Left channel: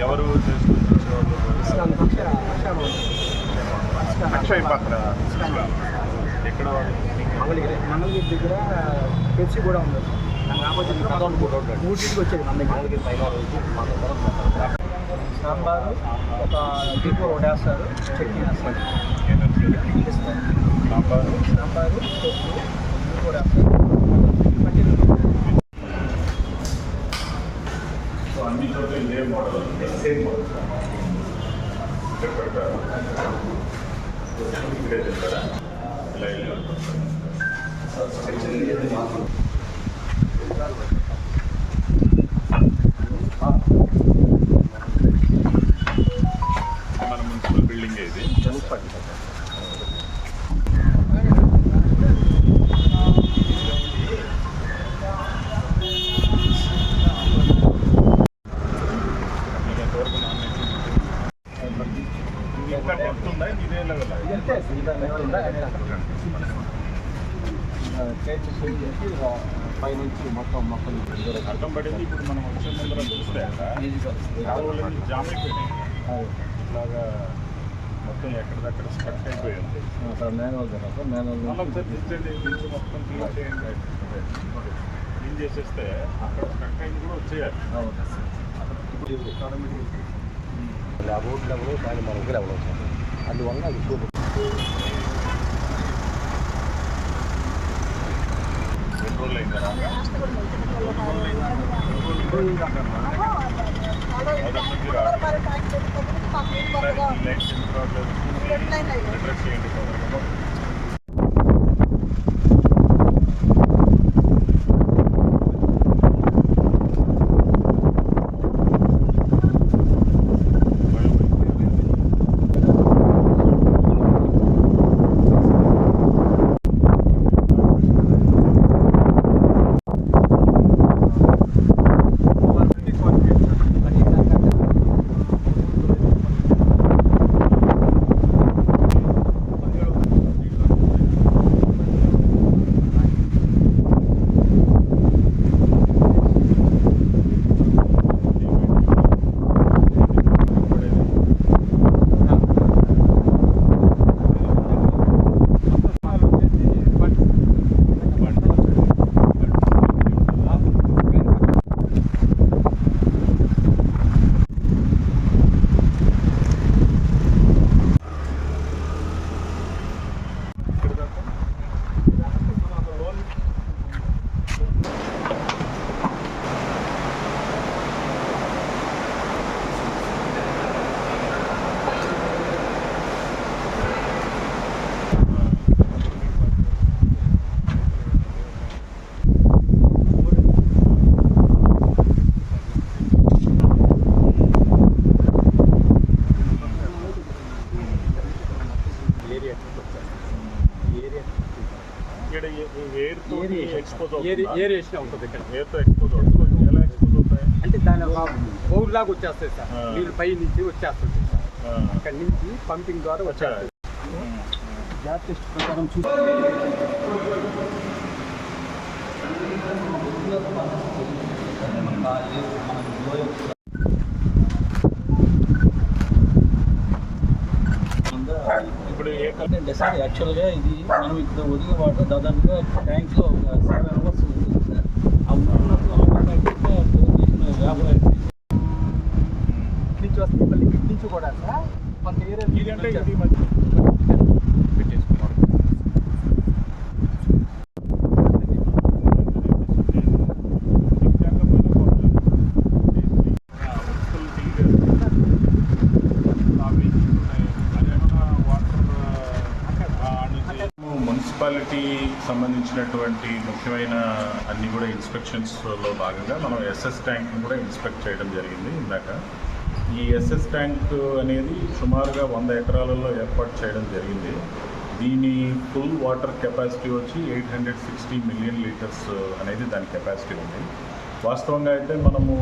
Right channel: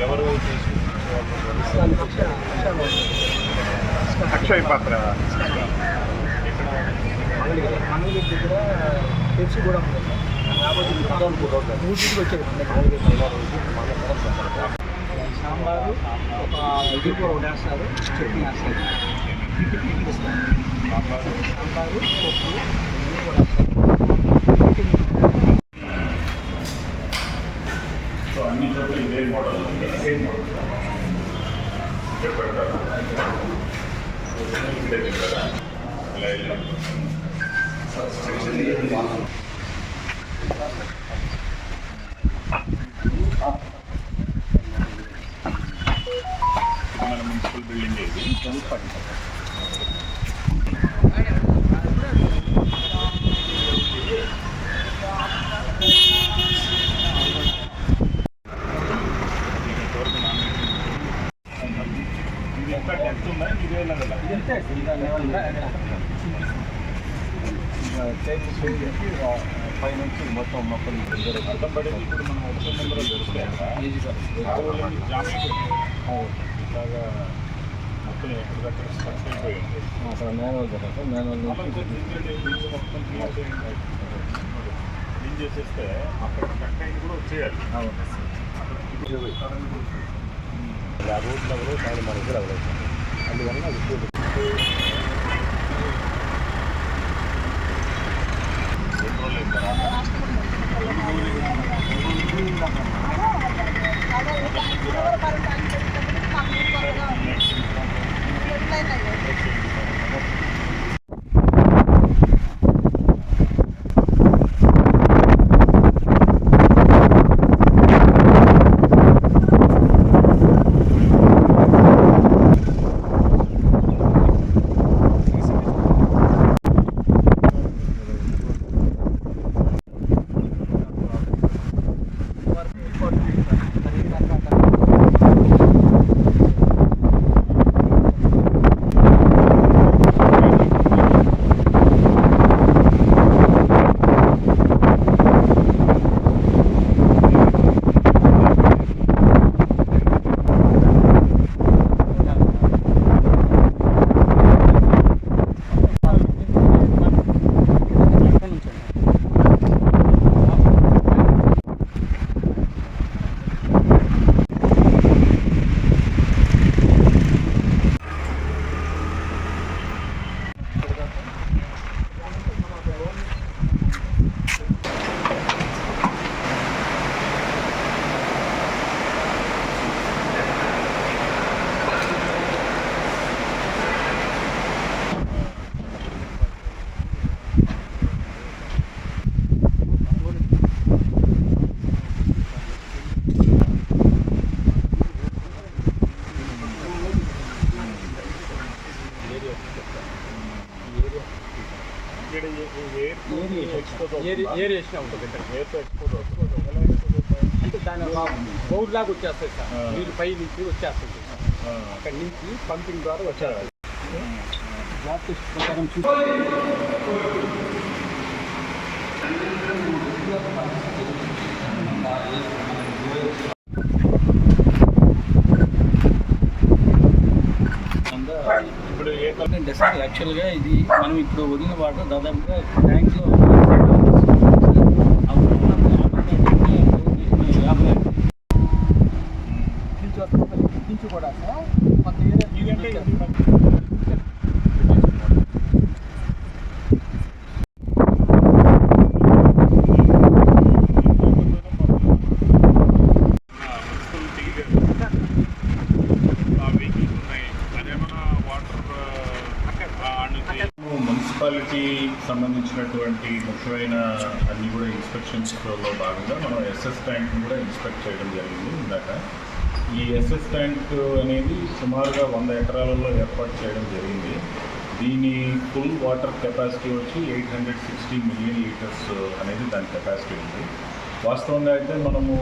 ఎవరు అక్షయ్ పాత్ర ఎక్కడ మంగళగిరి దగ్గర పెప్సీ కూడా ఉంది రాబోతుంది మూడింటికి వచ్చేది మన దగ్గర సాంబారు ఒక ఇది కూడా వడేస్తారు చట్నీ వేస్తారు సాంబారు. సాంబారు పప్పు ఇవి కూడా వేస్తారు సో అన్ని చోట్ల ఇదే మోడల్ సేమ్ మోడల్ ఇక్కడ పెడతారా తింటారా ఇలా ఇలా మన మున్సిపల్ బిల్డింగ్ ఇది మీకు ఎంతవరకు నాన్ వెజ్ ఇది ఒక డెప్త్ ఉందా ఇదే లెవెల్ ఇదంతే ఇంకా లెవెల్ పై నుంచి మొత్తం మొత్తం అర్థం పడేది ఇప్పుడు మనం వచ్చే ముందర దొరుకుతాయి కాలువలన్నీ జామ్ అయిపోయినాయి ఇట్లాగా మొత్తం ఎక్కడిదక్కడ స్టక్ అయిపోయింది అక్కడ మాన్యువల్ కదా మొత్తం చేయండి క్లీన్ చేసేస్తే అక్కడ కూడా వచ్చేయాలి ఆ రోడ్ లెవెల్ మనకి లెవెల్ అవుతుంది అందువల్ల అది ఎక్కువ రెండు రోజులు అయిన తర్వాత మొదటి నుంచి రాదు నెక్స్ట్ Okay. Okay. ఇక్కడ ఎయిర్ ఎక్స్పోజ్ అవుతుంది? ఇక్కడ. ఎయిర్తో ఎక్స్పోజ్ అవుతుంది? ఎలా ఎక్స్పోజ్ అవుతాయి? అంటే దాని బౌల్ లాగా వచ్చేస్తాయి సార్. నీళ్ళు పై నుంచి వచ్చేస్తుంది సార్. అక్కడ నుంచి పంపింగ్ ద్వారా వచ్చేస్తాయి గ్యాస్ టెస్ట్ ప్రకారం చూసి అంటే సార్ యాక్చువల్గా ఇది మనం ఇప్పుడు వదిలిన వాటర్ దాదాపుగా ట్యాంక్లో నుంచి కూడా సార్ కొంత ఏరియా ఇదంటే సంబంధించినటువంటి ముఖ్యమైన అన్ని కూడా ఇన్స్పెక్షన్స్లో భాగంగా మనం ఎస్ఎస్ ట్యాంక్ని కూడా ఇన్స్పెక్ట్ చేయడం జరిగింది ఇందాక. ఈ ఎస్ఎస్ ట్యాంక్ అనేది సుమారుగా వంద ఎకరాలలో ఏర్పాటు చేయడం జరిగింది. దీని ఫుల్ వాటర్ కెపాసిటీ వచ్చి eight hundred sixty million litres అనేది దాని కెపాసిటీ ఉంది. వాస్తవంగా అయితే మనము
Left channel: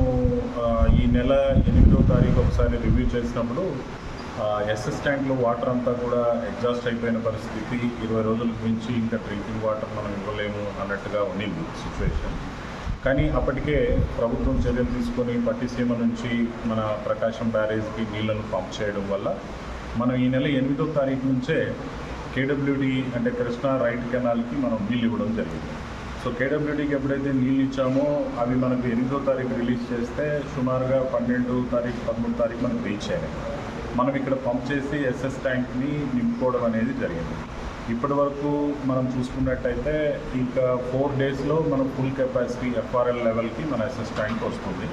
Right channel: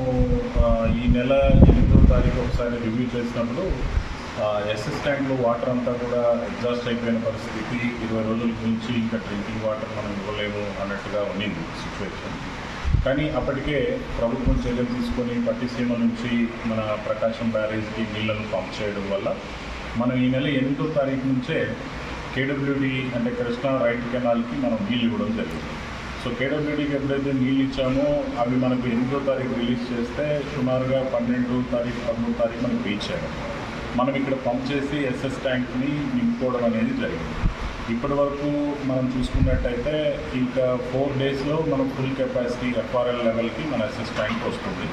ఈ నెల ఎనిమిదో తారీఖు ఒకసారి రివ్యూ చేసినప్పుడు ఎస్ఎస్ వాటర్ అంతా కూడా ఎగ్జాస్ట్ అయిపోయిన పరిస్థితి. ఇరవై రోజుల నుంచి ఇంకా డ్రింకింగ్ వాటర్ మనం ఇవ్వలేము అన్నట్టుగా ఉన్నింది సిచ్యువేషన్ కానీ అప్పటికే ప్రభుత్వం చర్యలు తీసుకొని పట్టిసీమ నుంచి మన ప్రకాశం బ్యారేజ్కి నీళ్ళను పంప్ చేయడం వల్ల మనం ఈ నెల ఎనిమిదో తారీఖు నుంచే కేడబ్ల్యూడి అంటే కృష్ణా రైట్ కెనాల్కి మనం నీళ్ళు ఇవ్వడం జరిగింది. సో కేడబ్ల్యూడికి ఎప్పుడైతే నీళ్ళు ఇచ్చామో అవి మనకు ఎనిమిదో తారీఖు రిలీజ్ చేస్తే సుమారుగా పన్నెండు తారీఖు పదమూడు తారీఖు మనకు రీచ్ అయ్యాయి. మనం ఇక్కడ పంప్ చేసి ఎస్ఎస్ ట్యాంక్ని నింపుకోవడం అనేది జరిగింది. ఇప్పటి వరకు మనం చూసుకున్నట్టయితే ఇంకా ఫోర్ డేస్లో మనం ఫుల్ కెపాసిటీ ఎఫ్ఆర్ఎల్ లెవెల్కి మన ఎస్ఎస్ ట్యాంక్ వస్తుంది.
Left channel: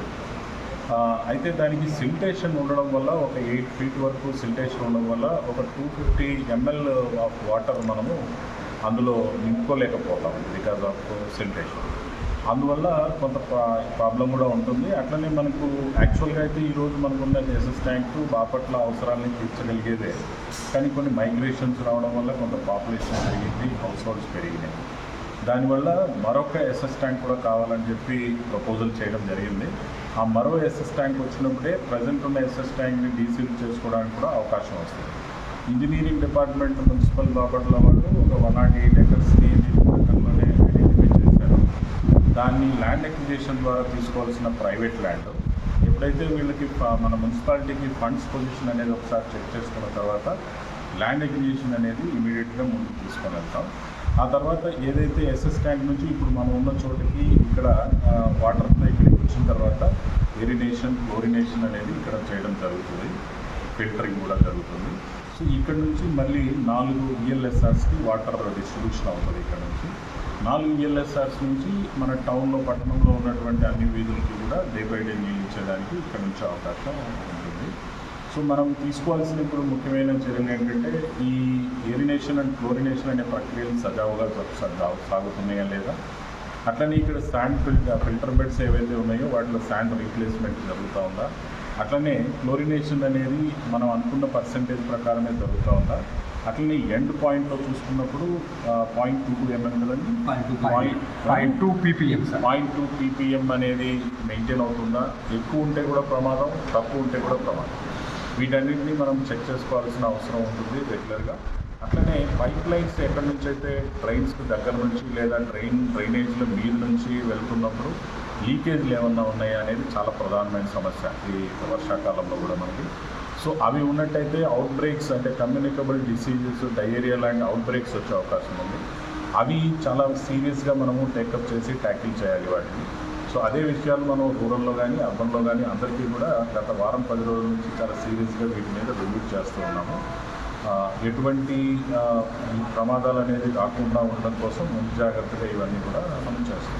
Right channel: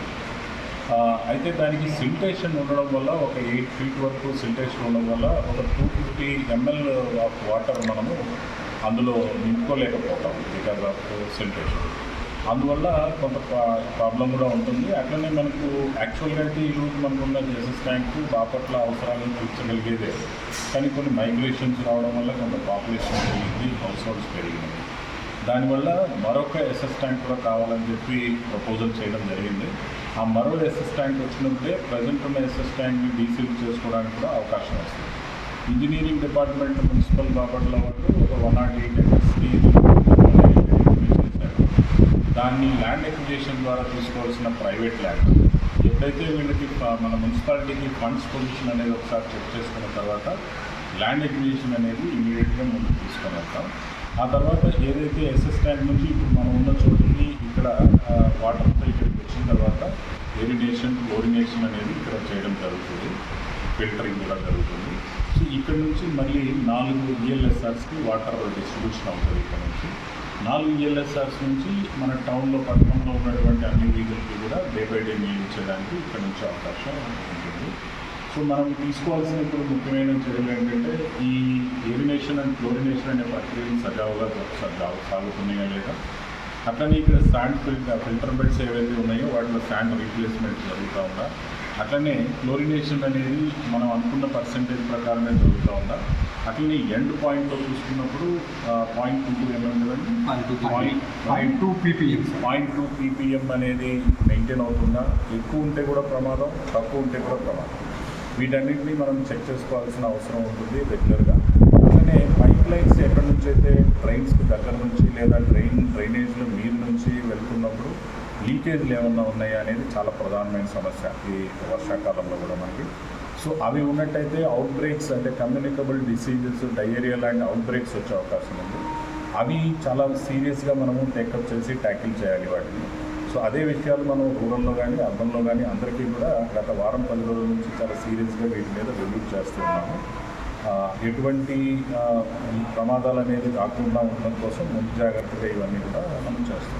అయితే దానికి సిల్టేషన్ ఉండడం వల్ల ఒక ఎయిట్ ఫీట్ వరకు సిల్టేషన్ ఉండడం వల్ల ఒక two fifty ML of water మనము అందులో నింపుకోలేకపోతాం బికాజ్ ఆఫ్ సిల్టేషన్ అందువల్ల కొంత ప్రాబ్లం కూడా ఉంటుంది. అట్లనే మనకు యాక్చువల్గా అయితే ఈరోజు మనకున్న ఎస్ఎస్ ట్యాంక్ బాపట్ల అవసరాలను తీర్చగలిగేదే కానీ కొన్ని మైగ్రేషన్స్ రావడం వల్ల కొంత పాపులేషన్ పెరిగింది హౌస్ హోల్డ్స్ పెరిగినాయి. దానివల్ల మరొక ఎస్ఎస్ ట్యాంక్ కూడా కావాలని చెప్పి ప్రపోజల్ చేయడం జరిగింది. ఆ మరో ఎస్ఎస్ ట్యాంక్ వచ్చినప్పుడే ప్రజెంట్ ఉన్న ఎస్ఎస్ ట్యాంక్ని డీసీల్ చేసుకోవడానికి కూడా అవకాశం వస్తుంది. ఇంజనీరింగ్ డిపార్ట్మెంట్ మున్సిపల్ బాపట్ల వాళ్ళు ఒక వన్ నాట్ ఎయిట్ ఎకర్స్ని దాన్ని ల్యాండ్ ఎక్విజేషన్ ద్వారా తీసుకోవాల్సిన ప్రైవేట్ ల్యాండ్ ఎప్పుడైతే వీళ్ళకి మన మున్సిపాలిటీకి ఫండ్స్ పొజిషన్ అనేది ఒకసారి చెక్ చేసుకున్న తర్వాత ల్యాండ్ ఎక్విజేషన్ అనేది ఇమీడియట్గా ముందుకు తీసుకొని వెళ్తాం. ఆ తర్వాత ఏదైతే ఎస్ఎస్ ట్యాంక్ నుంచి ఇప్పుడు మనం ఉన్న చోటికి ఇక్కడ వాటర్తో ఇక్కడికి వచ్చిన తర్వాత ఎరినేషన్ క్లోరినేషన్ అనేది ఇక్కడ చేయడం జరుగుతుంది. ఫిల్టరింగ్ కూడా జరుగుతుంది. సో ఇక్కడ నుంచి మళ్ళీ నాలుగు ఈఎల్ఎస్ఆర్స్కి వాటర్ డిస్ట్రిబ్యూషన్ అవుతుంది ఇక్కడ నుంచి. నాలుగు E ఈఎల్ఎస్ఆర్స్ నుంచి మన టౌన్లో పట్టణంలో ఉన్నటువంటి అన్ని వీధులకి కూడా డే బై డే నియమించడానికి ఇక్కడ నుంచి అవకాశం ఉంటుంది. సో మనం తీసుకోవాల్సిన ఇప్పుడు ముఖ్యమైన చర్యలు ఏంటంటే ఈ ఏరినేషన్ అండ్ క్లోరినేషన్ అనే ప్రక్రియలు సజావుగా సాగుతున్నాయా లేదా? అట్లనే ఇక్కడ శాండ్ ఫిల్టర్ ఫిల్టర్ బెడ్స్ ఏవైతే ఉన్నాయో వాటిలో శాండ్ రీప్లేస్మెంట్ జరుగుతూ ఉందా? అట్లనే క్లోరినేషన్ అనేది మనం అనుకున్న పర్సంటేజ్ ప్రకారమే జరుగుతూ ఉందా? అట్లనే ఎండ్ పాయింట్లో చూసుకున్నప్పుడు పాయింట్ టూ టూ ఎంఎం కదండి? Point point two PPM point two PPM అనేది మెయింటైన్ అవుతుందా? ఎక్కువ ఉంటే కూడా ప్రమాదం తక్కువ ఉంటే కూడా ప్రమాదం. వీటన్నిటిని మనం చెక్ చేసుకోవాల్సిన అవసరం ఉంటుంది రెగ్యులర్గా. అట్లనే పైప్ లైన్స్ ఎక్కడి నుంచి అయితే డ్రైన్స్కి దగ్గర నుంచి లేదా డ్రైన్ డ్రైనేజ్ల మీద నుంచి వెళ్తున్నప్పుడు లీకేజ్లు ఏమన్నా ఉన్నాయా అనేది చాలా ప్రధానమైన సమస్య ఈ వర్షాకాలంలో కూడా మనకి. సో అవి ఉన్నట్టయితే అవుట్ బ్రేక్స్ అంటే కమ్యూనికబుల్ డిసీజెస్ డయేరియా లాంటి అవుట్ బ్రేక్స్ వచ్చే అవకాశం ఉంది. అవి చాలా సీరియస్గా మనము టేకప్ చేసి ట్యాకిల్ చేయాలి వాటిని. సో అదే విషయాలు మనం రూరల్లో కానీ అర్బన్లో కానీ అందరికీ కూడా గత వారం పది రోజుల నుంచి చాలా సీరియస్గా వీటి మీద రివ్యూ చేస్తూ ఉన్నాము. ఎటువంటి ప్రమాదాలు అనేది రాకుండా ఉండడం కోసం ముందు జాగ్రత్తగా ఇవన్నీ కూడా మనం చేస్తాం